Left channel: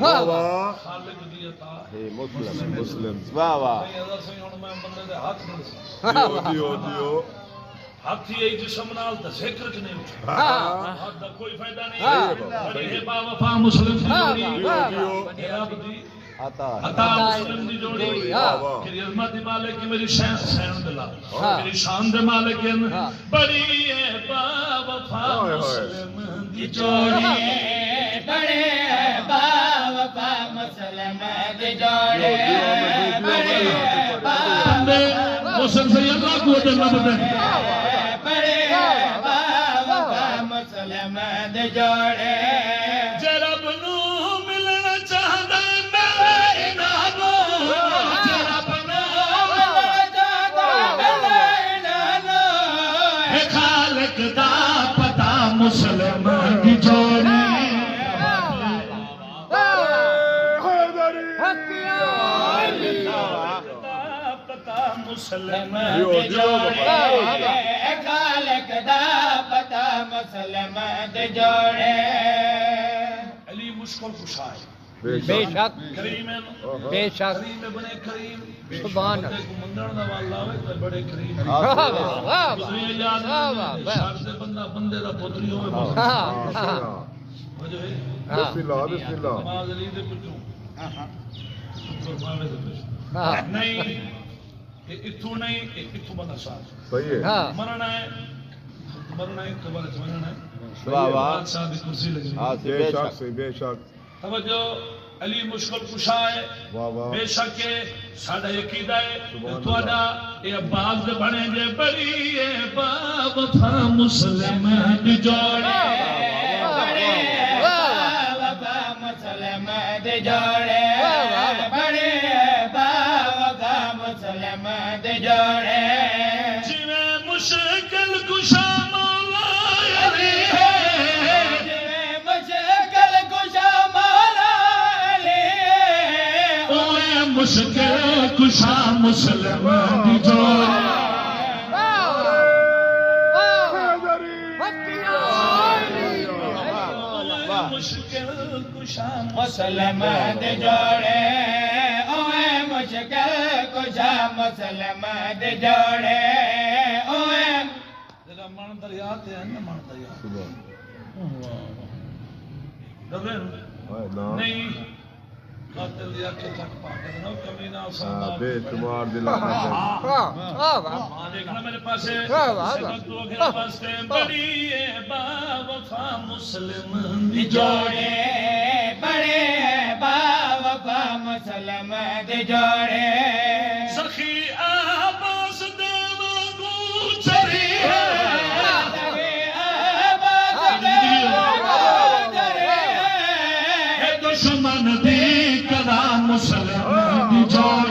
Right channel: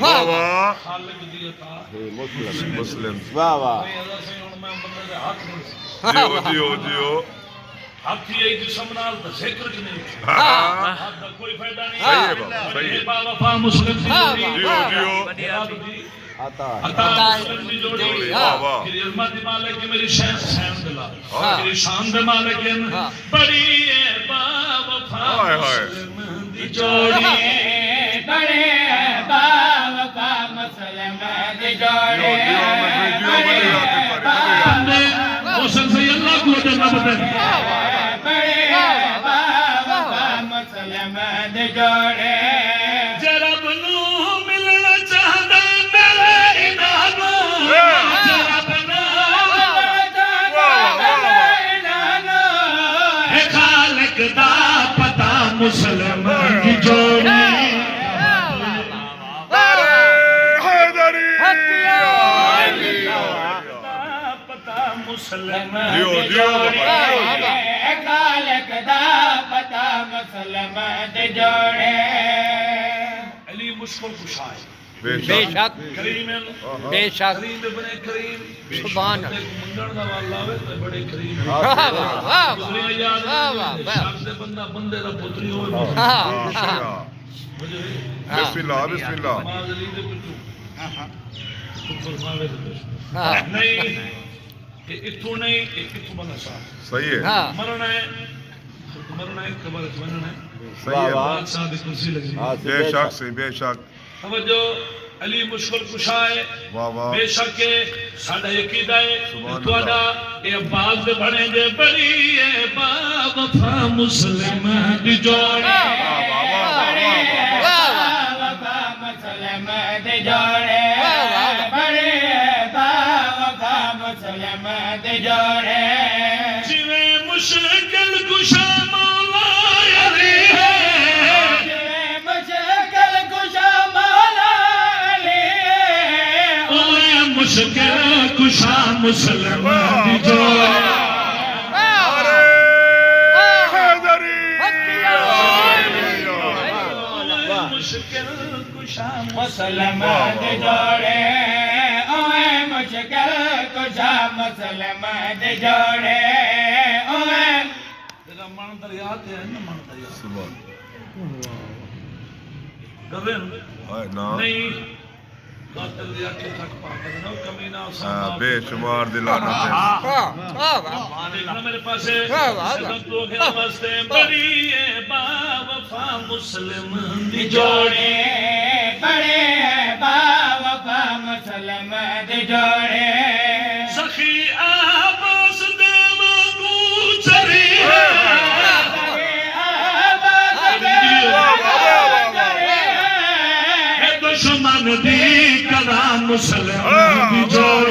واہ واہ خالق دی عطا مسلم واہ واہ بھئی اگر سے ہن میں بندے دے ہاتھ نہیں جیو جیو جیو ہاتھ ہی جسم نال تے ذکر چ نہیں ہاں ہاتھ دا کوئی فائدہ نہیں صحیح ہے بابا صحیح ہے با وفا مسلم دی جیو جوڑی جیو رب دی عطا عطا مسلم دی جوڑی واہ واہ میری عظمت دی مالک ہے میری شان سین دلا ہاں۔ میری شان دے مالک ہے بڑی ہے با وفا ہائے ہائے مسلم دی جوڑی بڑے با وفا مسلم دی جوڑے حسن سے اللہ کو دینا بتا بڑے با وفا مسلم دی جوڑے جرب نو ملنا چاہتا میرے انہوں جرب نو ہے خالق دا پتا مسلم دی جوڑی مسلم جیو جیو بابا خالق دا پتا مسلم دی جوڑے علی مشکل کشا ہے بے بے شک شک کریم ہے بے شک کریم بنے کریم سبحان اللہ منگل دا والا ہوئے تو بڑے کریم واہ واہ واہ دنیا یاد واہ ہے شاک سے بندہ بندے دا پتری ہو بسم اللہ بسم اللہ نماز علی دے پچھو نہیں اتھو نہیں اتھو بنا صاحب صحیح ہے مرنا ہے قبر مرنا ہے صحیح ہے بادشاہ دی کرسی لگی بے شک سے بے شک توجہ علی مشکل کشا ہے واہ واہ بے شک ہے ساڈا عقیدہ ہے تہاڈا اے عباس دے بنے جے بڑی اے با وفا مسلم دی جوڑے بڑے با وفا مسلم دی جوڑے بڑے با وفا مسلم دی جوڑے جویں مشکل کشا مولا علی ہے مشکل کشا مولا علی اوے مشکل کشا مسلم دی جوڑے مشکل کشا مسلم دی جوڑے اوے مشکل کشا مسلم دی جوڑے اوے تیرا من دریا تے ہے نا من دریا سبحان گوین ہائے نا نہیں قاتل دیا کے تک پاک نہ کمینہ ہاں، اسامہ بے شمار دلانت ہے دیکھنا میرے پاس صدق تو گیا واسطے بڑی ہے با وفا مسلم دی جوڑے بڑے با وفا مسلم دی جوڑے سخی آباس دیو کو چری ہے دشمن دی کلا مسلم دی جوڑے